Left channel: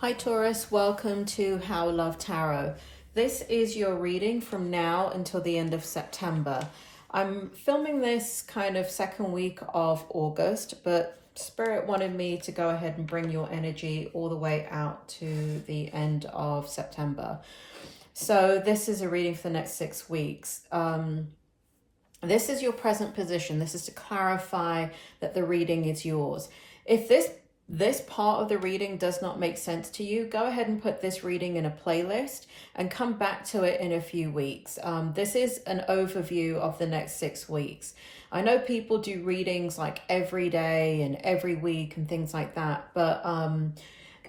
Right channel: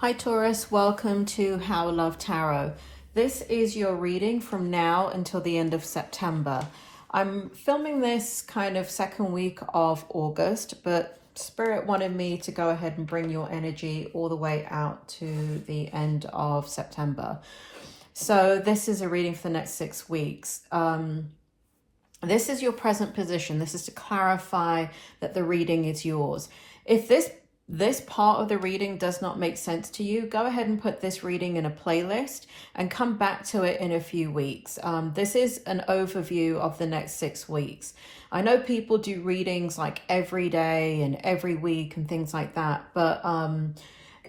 Hi Taurus, welcome to How Love Tarot. This is your reading from now until the end of September. I'm filming this kind of second week of August, but Spirit wanted me to go ahead and bring your energy all the way out to the end of September. So this is a reading for the next 6 weeks. This is your present position. This is to clarify that the reading is yours. If this part of the reading does not make sense to you, go ahead and put this reading in a playlist and come back to it in a few weeks. This is an overview of the next 6 weeks. I know people do readings like every day and every week and things like that, but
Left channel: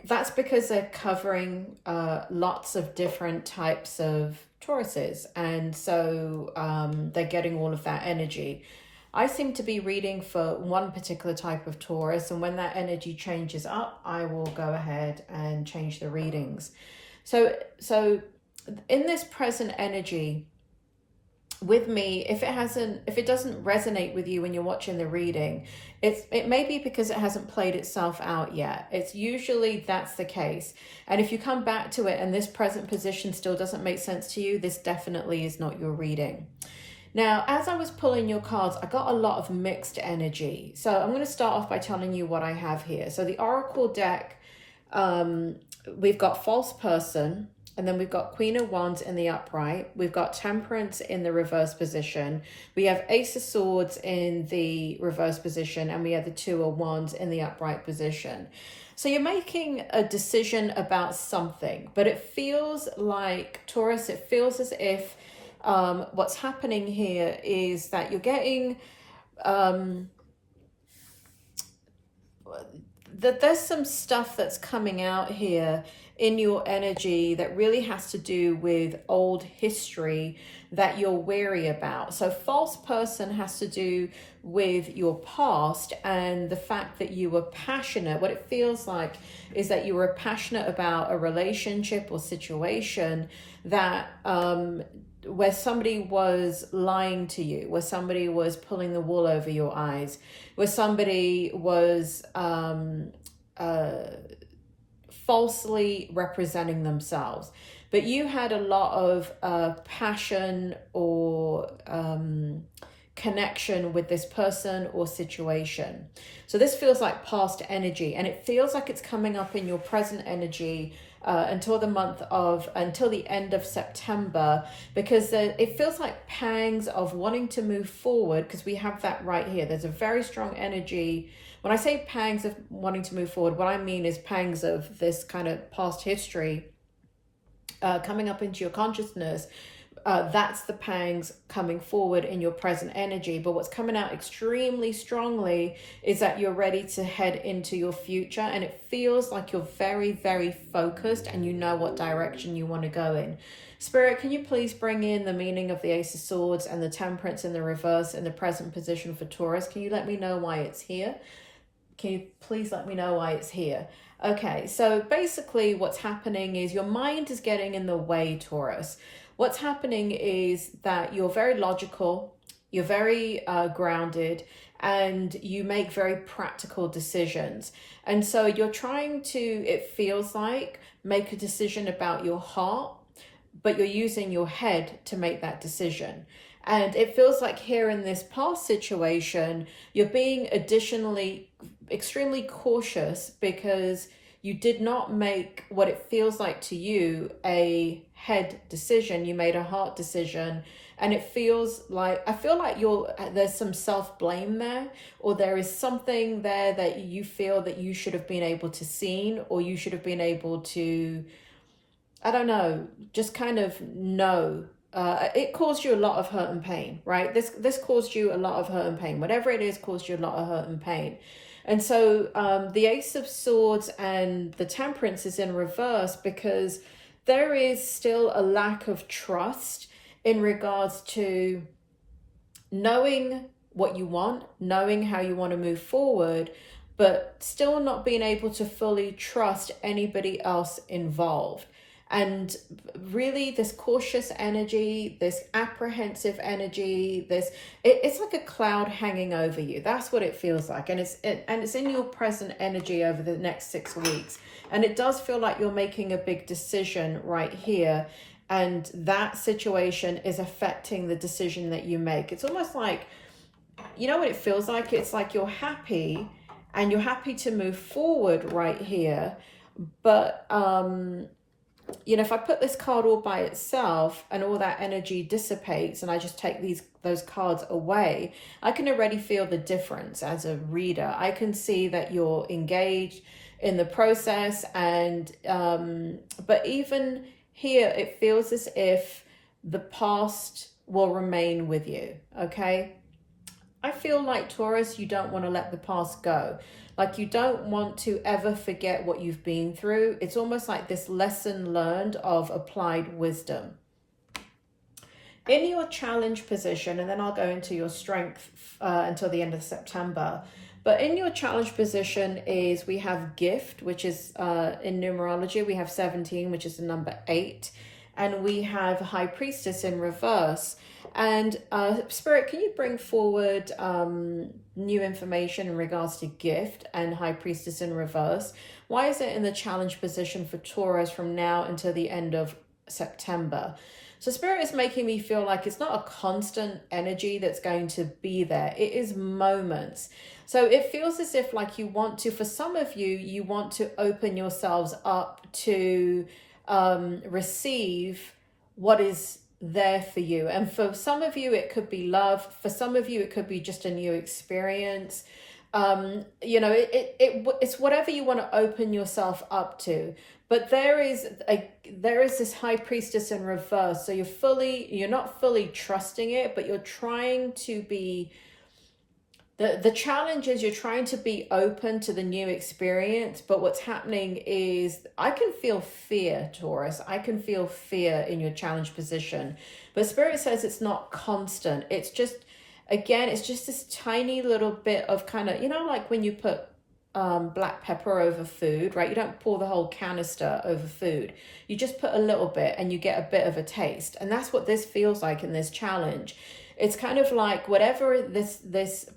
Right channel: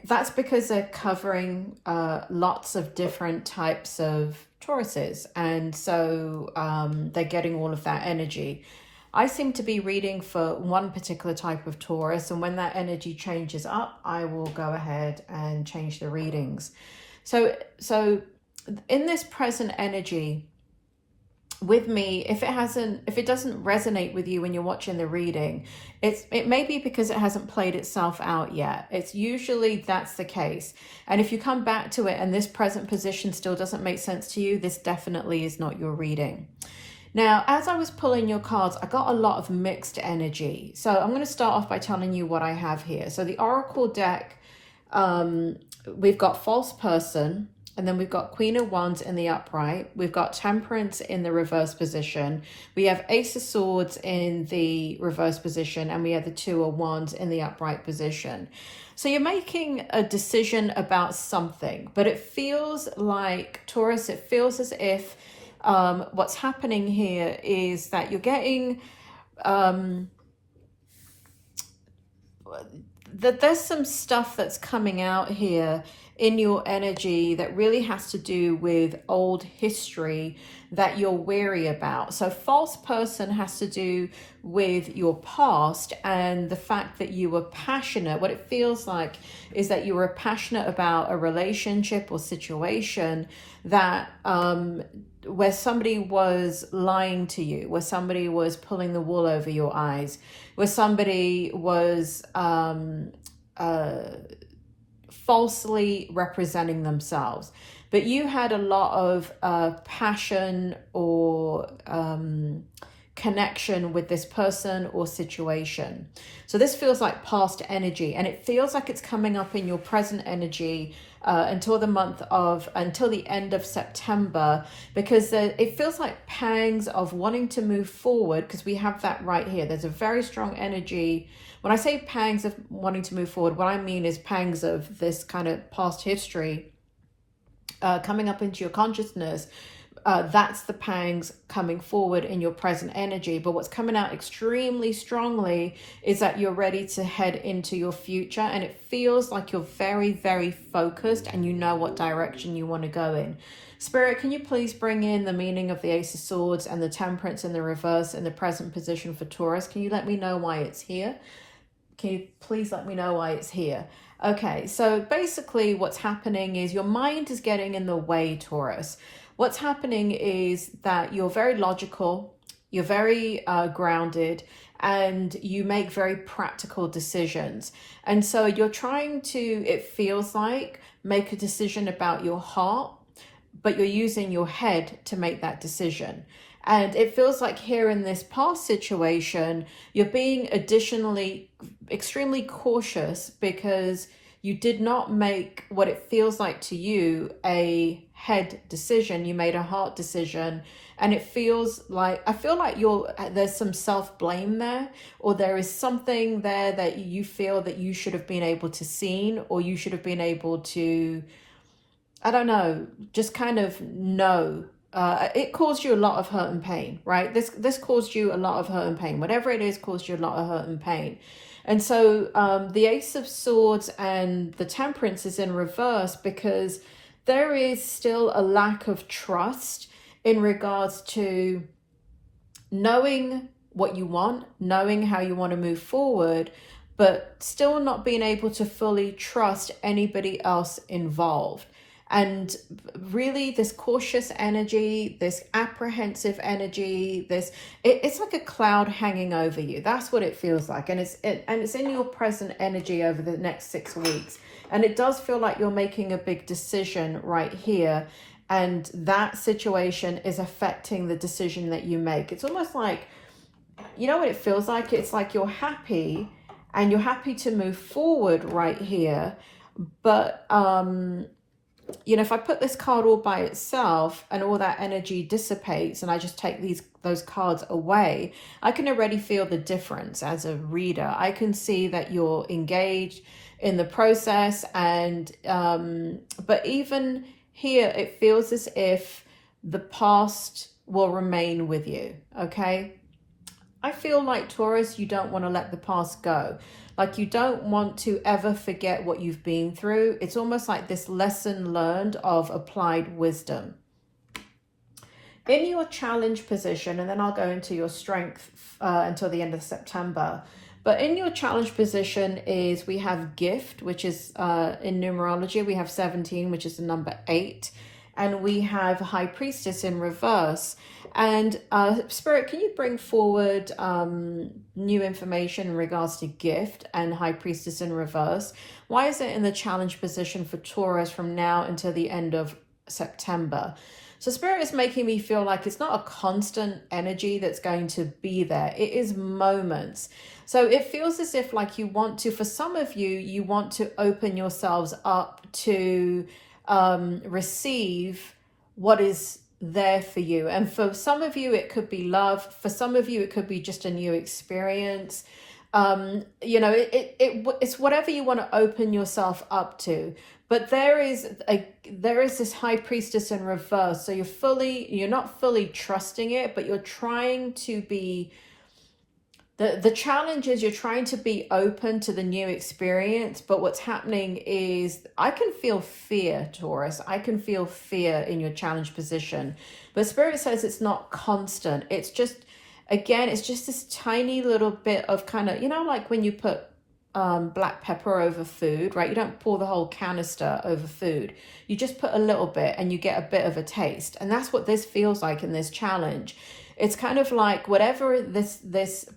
that's because they're covering lots of different types of Tauruses, and so they're getting all of that energy. I seem to be reading for one particular type of Taurus, and when that energy changes up, I will go ahead and change the readings. So in this present energy with me, if it doesn't resonate with you when you're watching the reading, it may be because it hasn't played itself out yet. It's usually that's the case. And if you come back to it and this present position still doesn't make sense to you, this definitely is not your reading. Now, as I was pulling your cards, I got a lot of mixed energy. So I'm going to start off by telling you what I have here. So the Oracle deck, we've got False Person, and then we've got Queen of Wands in the upright. We've got Temperance in the reverse position. We have Ace of Swords in the reverse position, and we have the Two of Wands in the upright position. So you're making a decision about something, but it feels like, Taurus, it feels as if what's happening here is that you're getting that there's some stuff that's coming out here in your energy that really has to do with old history that you're weary about. So False Person has to do with your past and the fact that you were passionate. What it feels like is that you were passionate about a relationship or situation that where somebody was lying to you, where somebody was pulling the wool over your eyes, where somebody was falsely representing themselves. But you had a lot of passion or connection with this person or situation. So this feels like past energy, and it feels like it's coming up in your present energy until the end of September, because it feels like pangs of wanting to move forward, because we have that right here. There's a very strong energy. When I say pangs of wanting to move forward, what I mean is pangs of this kind of past history coming up into your consciousness. That's the pangs coming forward in your present energy. But what's coming out extremely strongly is that you're ready to head into your future, and it feels like you're very, very focused and you know what direction you want to go in. Spirit, can you please bring in the meaning of the Ace of Swords and the Temperance in the reverse in the present position for Taurus? Can you let me know why it's here? Can you please let me know why it's here? Okay, so basically what's happening is your mind is getting in the way, Taurus. What's happening is that you're very logical, you're very grounded, and you make very practical decisions. And so you're trying to, it feels like, make a decision about your heart, but you're using your head to make that decision. And it feels like here in this past situation, you're being additionally extremely cautious because you did not make what it feels like to you a head decision. You made a heart decision, and it feels like, I feel like there's some self-blame there, or there is something there that you feel that you should have been able to seen, or you should have been able to, I don't know, just kind of know. It caused you a lot of hurt and pain, right? This caused you a lot of hurt and pain. Whatever it is caused you a lot of hurt and pain. And so the Ace of Swords and the Temperance is in reverse because there is still a lack of trust in regards to knowing what you want, knowing how you want to move forward, but still not being able to fully trust anybody else involved. And really this cautious energy, this apprehensive energy, it's like a cloud hanging over you. That's what it feels like. And it's in your present energy over the next 6 weeks. And it does feel like you're making a big decision right here. And that situation is affecting the decision that you make. It's almost like, you know what it feels like? It's like you're happy and you're happy to move forward right here. But, you know, if I put this card all by itself and all that energy dissipates and I just take those cards away, I can already feel the difference as a reader. I can see that you're engaged in the process, and but even here it feels as if the past will remain with you. Okay, I feel like, Taurus, you don't want to let the past go. Like, you don't want to ever forget what you've been through. It's almost like this lesson learned of applied wisdom. In your challenge position, and then I'll go into your strength until the end of September. But in your challenge position is, we have gift, which is in numerology, we have 17, which is the number 8. And we have High Priestess in reverse. And Spirit, can you bring forward new information in regards to gift and High Priestess in reverse? Why is it in the challenge position for Taurus from now until the end of September? So Spirit is making me feel like it's not a constant energy that's going to be there. It is moments. So it feels as if, like, you want to, for some of you, you want to open yourselves up to receive what is there for you. And for some of you it could be love, for some of you it could be just a new experience. You know, it's whatever you want to open yourself up to. But there is this High Priestess in reverse, so you're not fully trusting it, but you're trying to be, the challenge is you're trying to be open to the new experience. But what's happening is, I can feel fear, Taurus. I can feel fear in your challenge position. But Spirit says it's not constant. It's just, again, it's just this tiny little bit of kind of, you know, like when you put black pepper over food, right? You don't pour the whole canister over food. You just put a little bit and you get a bit of a taste. And that's what this feels like in this challenge. It's kind of like whatever this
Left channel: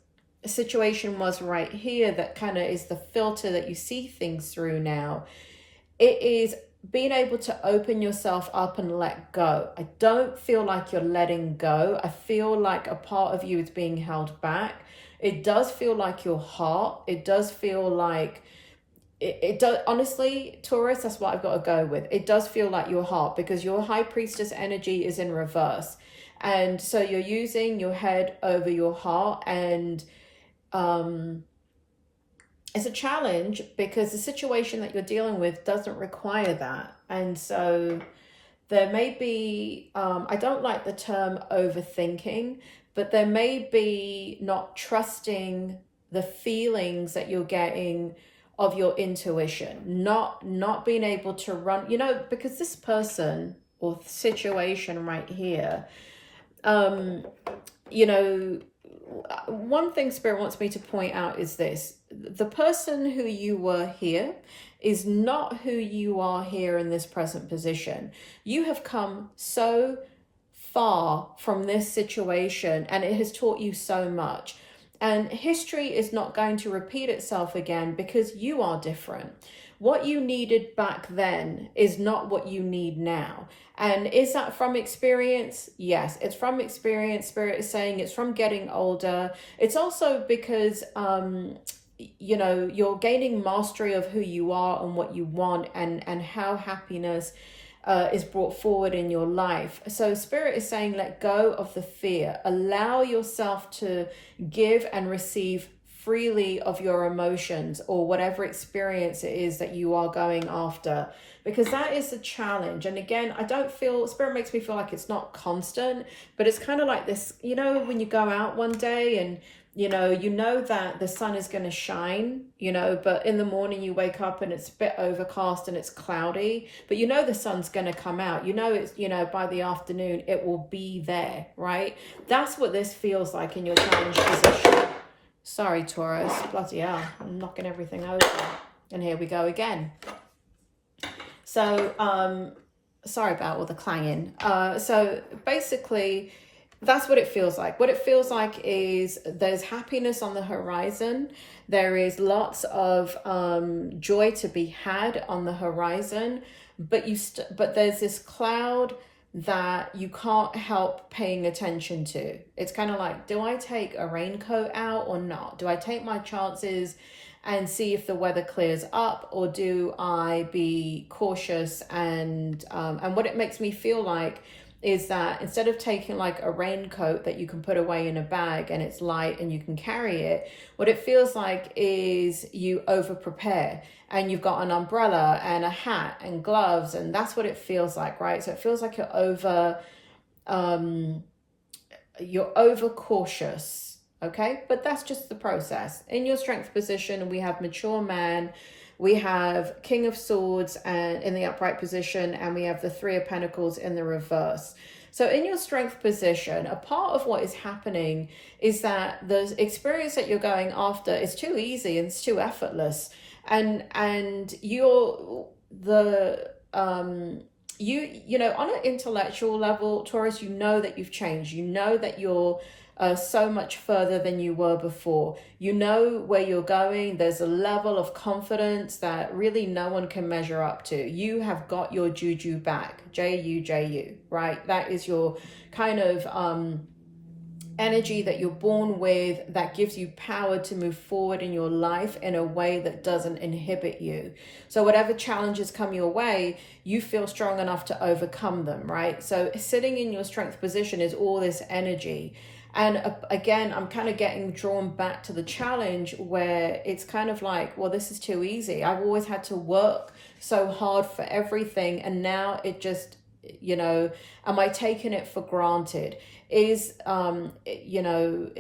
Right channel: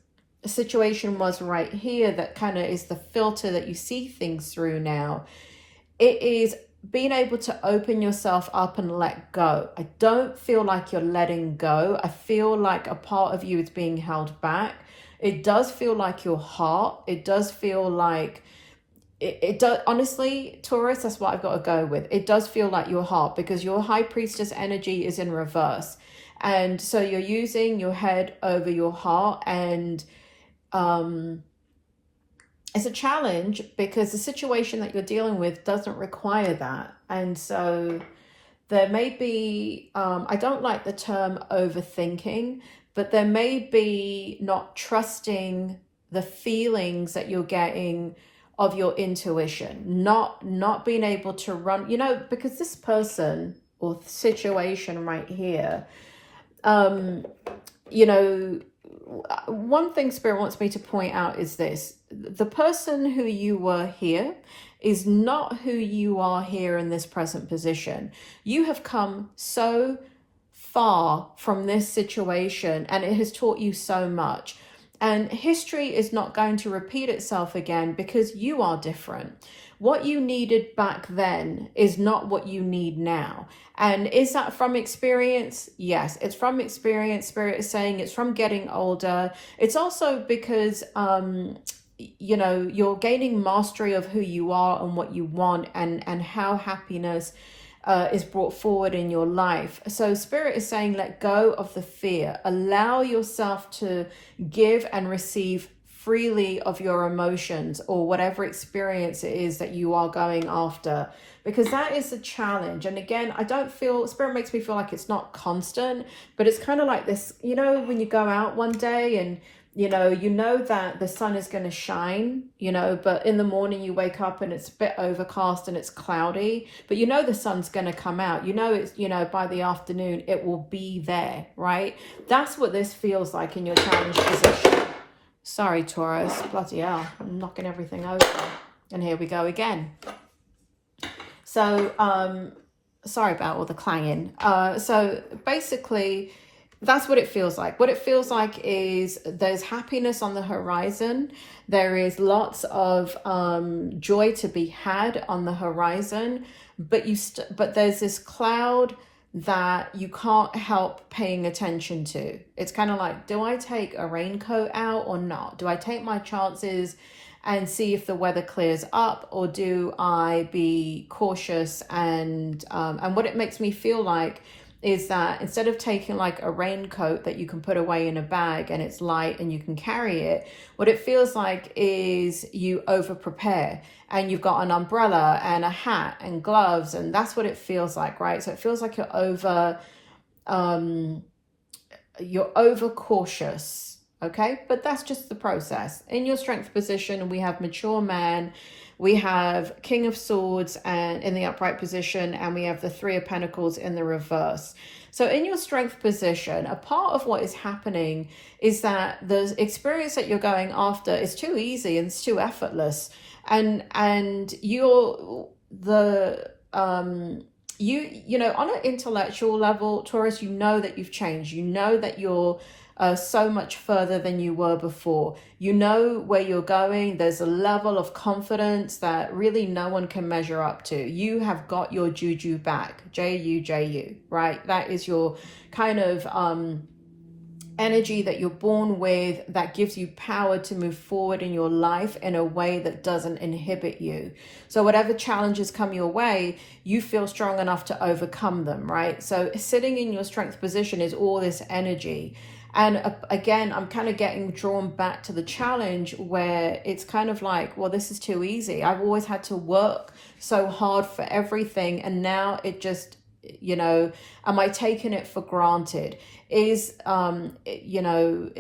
situation was right here that kind of is the filter that you see things through now. It is being able to open yourself up and let go. I don't feel like you're letting go. I feel like a part of you is being held back. It does feel like your heart. It does feel like it does, honestly, Taurus, that's what I've got to go with. It does feel like your heart, because your High Priestess energy is in reverse. And so you're using your head over your heart, and it's a challenge because the situation that you're dealing with doesn't require that. And so there may be, I don't like the term overthinking, but there may be not trusting the feelings that you're getting of your intuition, not being able to run, you know, because this person or situation right here, you know, one thing Spirit wants me to point out is this: the person who you were here is not who you are here in this present position. You have come so far from this situation, and it has taught you so much. And history is not going to repeat itself again, because you are different. What you needed back then is not what you need now. And is that from experience? Yes, it's from experience. Spirit is saying it's from getting older. It's also because, you know, you're gaining mastery of who you are and what you want, and how happiness is brought forward in your life. So Spirit is saying, let go of the fear. Allow yourself to give and receive freely of your emotions, or whatever experience it is that you are going after, because that is a challenge. And again, I don't feel, Spirit makes me feel like it's not constant, but it's kind of like this, you know, when you go out one day and you know that the sun is going to shine, you know, but in the morning you wake up and it's a bit overcast and it's cloudy, but you know the sun's going to come out, you know, it's, you know, by the afternoon it will be there, right? That's what this feels like in your challenge position. Sorry, Taurus, bloody hell, I'm knocking everything over. And here we go again. So, sorry about all the clanging. So basically, That's what it feels like. What it feels like is there's happiness on the horizon. There is lots of joy to be had on the horizon, but but there's this cloud that you can't help paying attention to. It's kind of like, do I take a raincoat out or not? Do I take my chances and see if the weather clears up, or do I be cautious? And what it makes me feel like is that instead of taking like a raincoat that you can put away in a bag and it's light and you can carry it, what it feels like is you over prepare and you've got an umbrella and a hat and gloves, and that's what it feels like, right? So it feels like you're over cautious, okay? But that's just the process. In your strength position, we have mature man, we have King of Swords and in the upright position, and we have the Three of Pentacles in the reverse. So in your strength position, a part of what is happening is that the experience that you're going after is too easy and it's too effortless. And you're you know, on an intellectual level, Taurus, you know that you've changed. You know that you're so much further than you were before. You know where you're going. There's a level of confidence that really no one can measure up to. You have got your juju back, J-U-J-U, right? That is your kind of energy that you're born with, that gives you power to move forward in your life in a way that doesn't inhibit you. So whatever challenges come your way, you feel strong enough to overcome them, right? So sitting in your strength position is all this energy. And again, I'm kind of getting drawn back to the challenge where it's kind of like, well, this is too easy. I've always had to work so hard for everything. And now it just, you know, am I taking it for granted? Is, you know,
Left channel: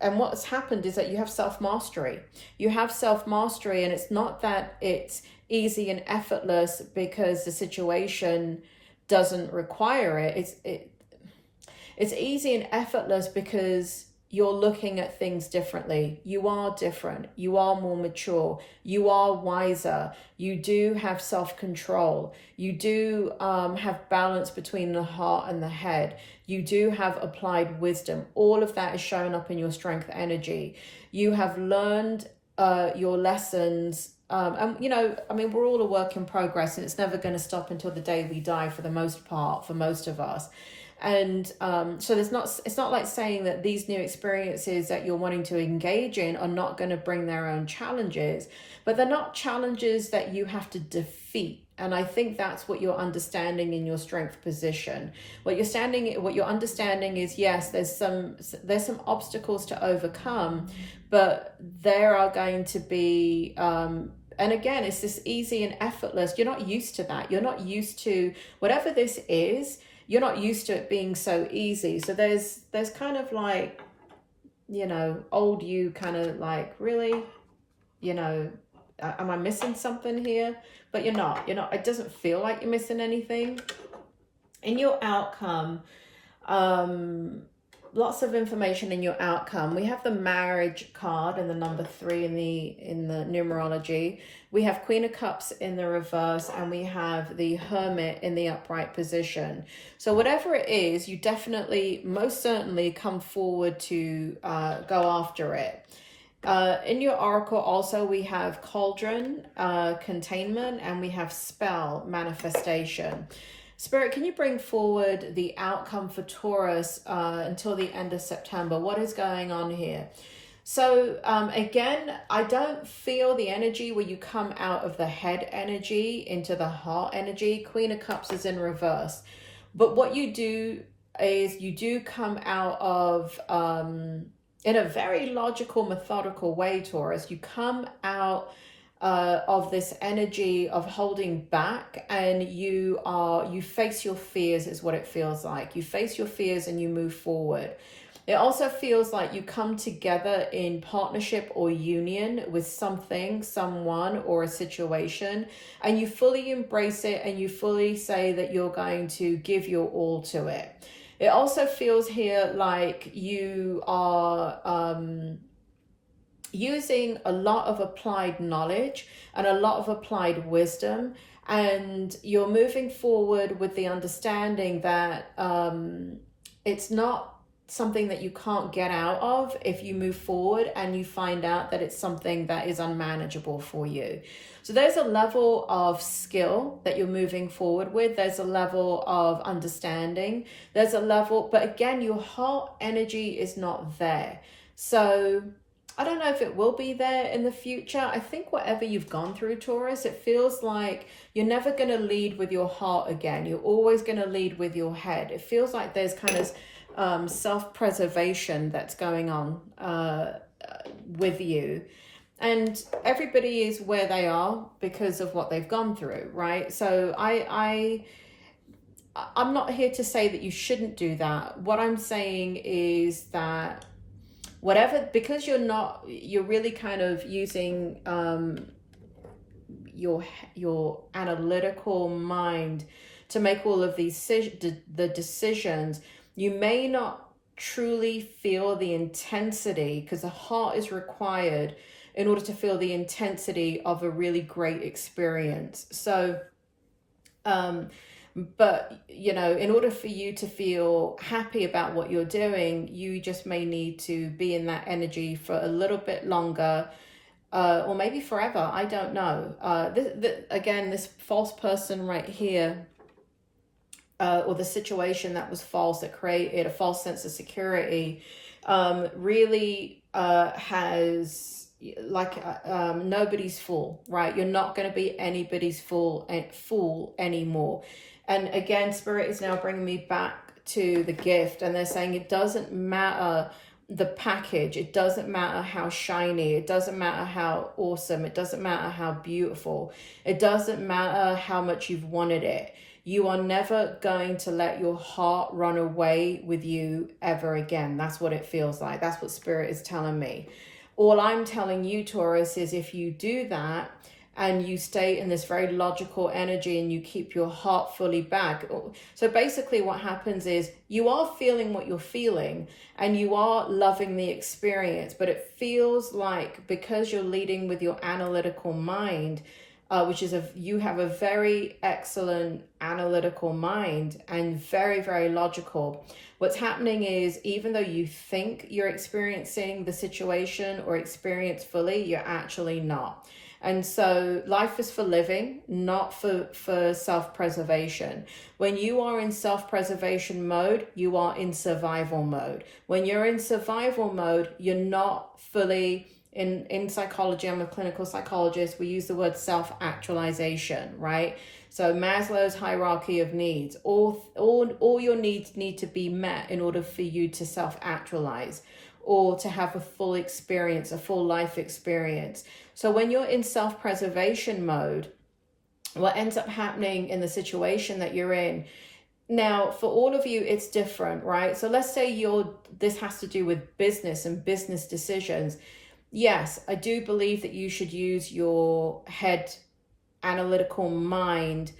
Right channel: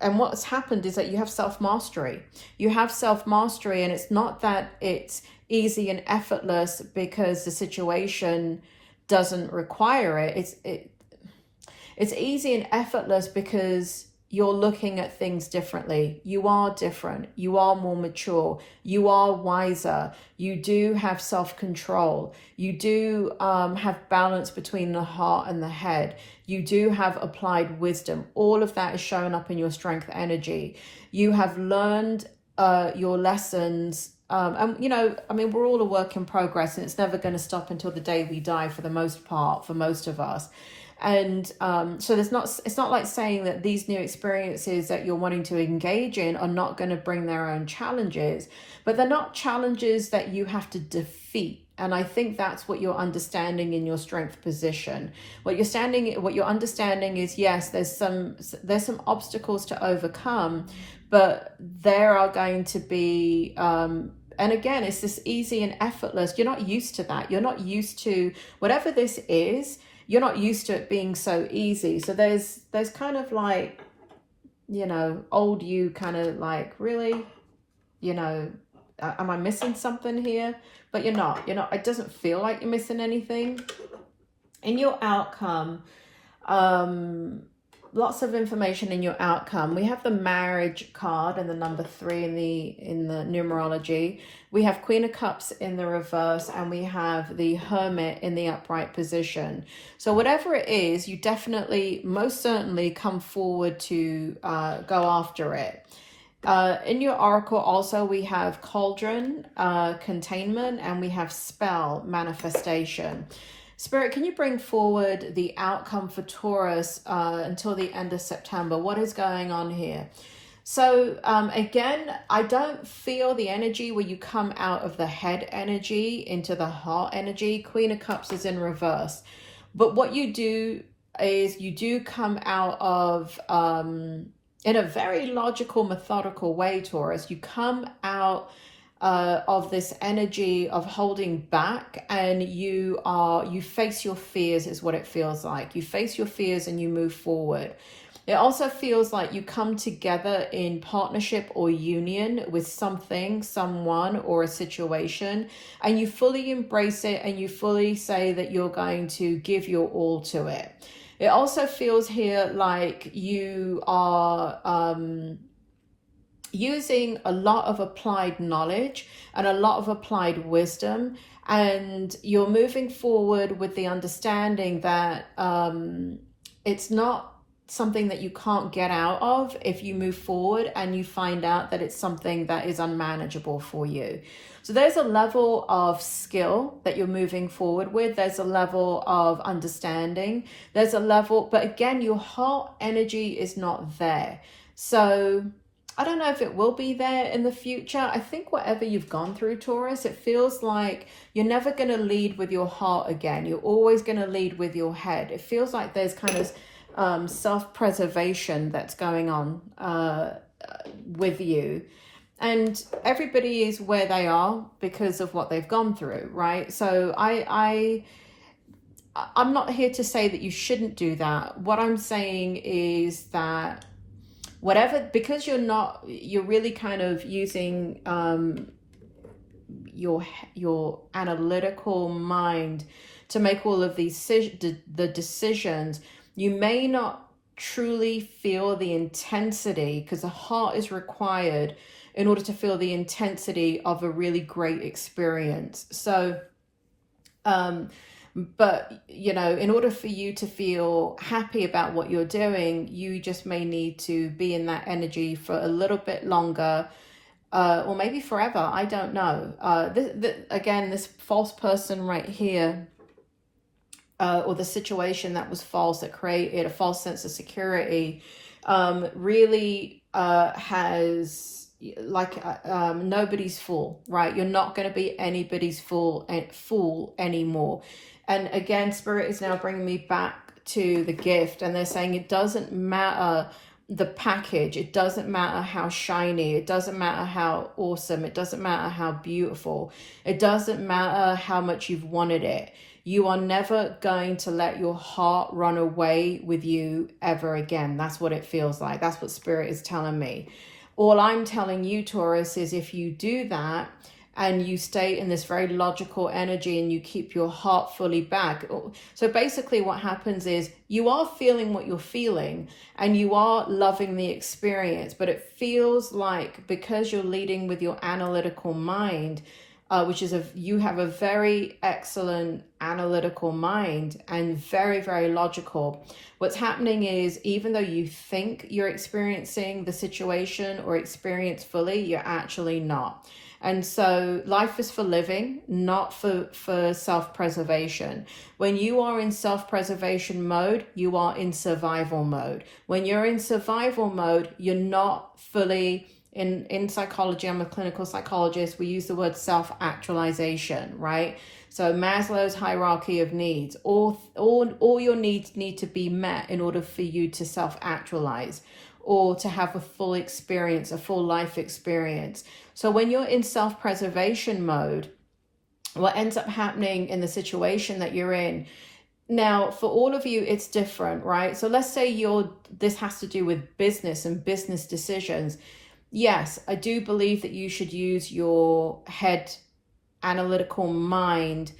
and what's happened is that you have self-mastery. You have self-mastery, and it's not that it's easy and effortless because the situation doesn't require it. It's easy and effortless because you're looking at things differently. You are different. You are more mature. You are wiser. You do have self-control. You do have balance between the heart and the head. You do have applied wisdom. All of that is showing up in your strength energy. You have learned your lessons. And, you know, I mean, we're all a work in progress, and it's never going to stop until the day we die for the most part, for most of us. And so it's not like saying that these new experiences that you're wanting to engage in are not going to bring their own challenges, but they're not challenges that you have to defeat. And I think that's what you're understanding in your strength position. What you're understanding is, yes, there's some obstacles to overcome, but there are going to be and again, it's this easy and effortless. You're not used to that. You're not used to whatever this is. You're not used to it being so easy. So there's kind of like, you know, old you kind of like, really, you know, am I missing something here? But you're not, it doesn't feel like you're missing anything. In your outcome, lots of information in your outcome. We have the marriage card and the number 3 in the numerology. We have Queen of Cups in the reverse, and we have the Hermit in the upright position. So whatever it is, you definitely, most certainly come forward to go after it. In your oracle also, we have Cauldron, containment, and we have spell, manifestation. Spirit, can you bring forward the outcome for Taurus until the end of September? What is going on here? So again, I don't feel the energy where you come out of the head energy into the heart energy. Queen of Cups is in reverse. But what you do is you do come out of, in a very logical, methodical way, Taurus, you come out of this energy of holding back, and you face your fears is what it feels like. You face your fears and you move forward. It also feels like you come together in partnership or union with something, someone, or a situation, and you fully embrace it and you fully say that you're going to give your all to it. It also feels here like you are using a lot of applied knowledge and a lot of applied wisdom, and you're moving forward with the understanding that it's not something that you can't get out of if you move forward and you find out that it's something that is unmanageable for you. So there's a level of skill that you're moving forward with. There's a level of understanding. There's a level, but again, your heart energy is not there. So I don't know if it will be there in the future. I think whatever you've gone through, Taurus, it feels like you're never going to lead with your heart again. You're always going to lead with your head. It feels like there's kind of self-preservation that's going on with you, and everybody is where they are because of what they've gone through, right? So I'm not here to say that you shouldn't do that. What I'm saying is that whatever, because you're really kind of using your analytical mind to make all of these the decisions. You may not truly feel the intensity, because the heart is required in order to feel the intensity of a really great experience. So, but, you know, in order for you to feel happy about what you're doing, you just may need to be in that energy for a little bit longer, or maybe forever. I don't know. Again, this false person right here, or the situation that was false, that created a false sense of security, really has, like, nobody's fool, right? You're not going to be anybody's fool anymore. And again, Spirit is now bringing me back to the gift, and they're saying it doesn't matter the package, it doesn't matter how shiny, it doesn't matter how awesome, it doesn't matter how beautiful, it doesn't matter how much you've wanted it. You are never going to let your heart run away with you ever again. That's what it feels like. That's what Spirit is telling me. All I'm telling you, Taurus, is if you do that and you stay in this very logical energy and you keep your heart fully back. So basically what happens is you are feeling what you're feeling and you are loving the experience, but it feels like because you're leading with your analytical mind, which is you have a very excellent analytical mind and very, very logical. What's happening is, even though you think you're experiencing the situation or experience fully, you're actually not. And so life is for living, not for self-preservation. When you are in self-preservation mode, you are in survival mode. When you're in survival mode, you're not fully in psychology. I'm a clinical psychologist. We use the word self-actualization, right? So Maslow's hierarchy of needs, all your needs need to be met in order for you to self-actualize or to have a full experience, a full life experience. So when you're in self-preservation mode, what ends up happening in the situation that you're in, now for all of you, it's different, right? So let's say this has to do with business and business decisions. Yes, I do believe that you should use your head analytical mind,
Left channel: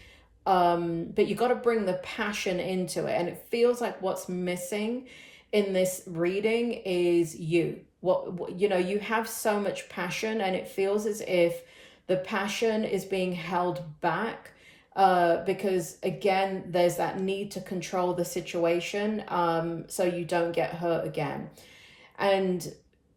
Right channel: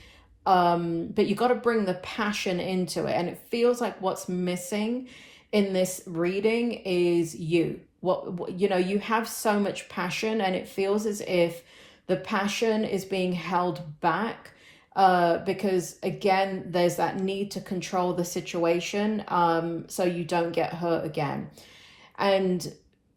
but you got to bring the passion into it. And it feels like what's missing in this reading is you. You know, you have so much passion, and it feels as if the passion is being held back because, again, there's that need to control the situation so you don't get hurt again. And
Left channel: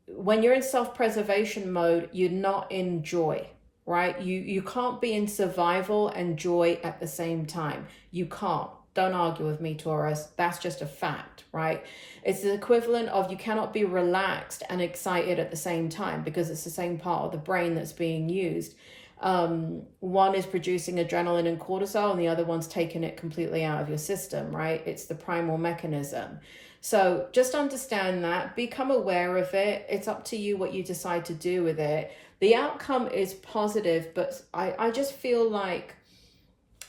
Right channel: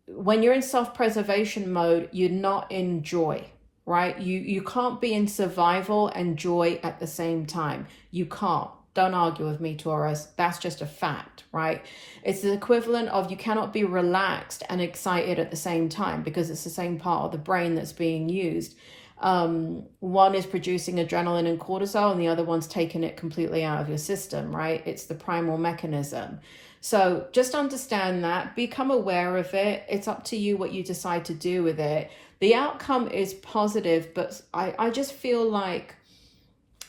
when you're in self-preservation mode, you're not in joy, right? You can't be in survival and joy at the same time. You can't. Don't argue with me, Taurus. That's just a fact, right? It's the equivalent of you cannot be relaxed and excited at the same time, because it's the same part of the brain that's being used. One is producing adrenaline and cortisol, and the other one's taking it completely out of your system, right? It's the primal mechanism. So just understand that, become aware of it. It's up to you what you decide to do with it. The outcome is positive, but I just feel like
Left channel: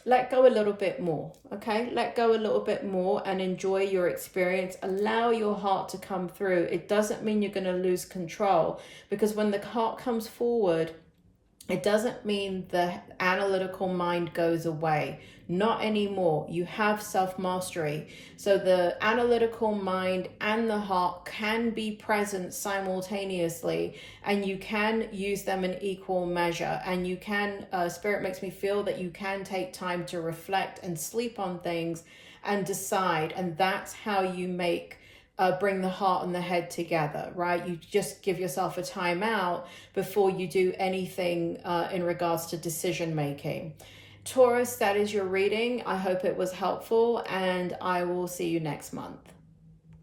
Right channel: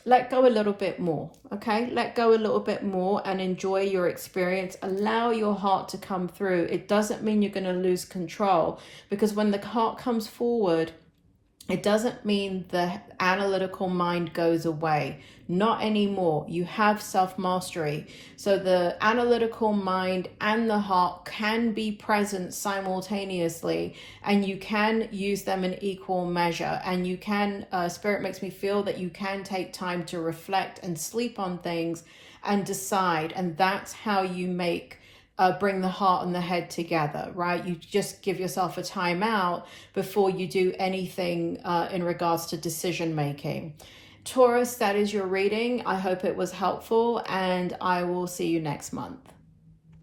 let go a little bit more, okay? Let go a little bit more and enjoy your experience. Allow your heart to come through. It doesn't mean you're going to lose control, because when the heart comes forward, It doesn't mean the analytical mind goes away. Not anymore. You have self-mastery. So the analytical mind and the heart can be present simultaneously, and you can use them in equal measure. And you can, Spirit makes me feel that you can take time to reflect and sleep on things and decide. And that's how you make bring the heart and the head together, right? You just give yourself a timeout before you do anything in regards to decision making. Taurus, that is your reading. I hope it was helpful, and I will see you next month.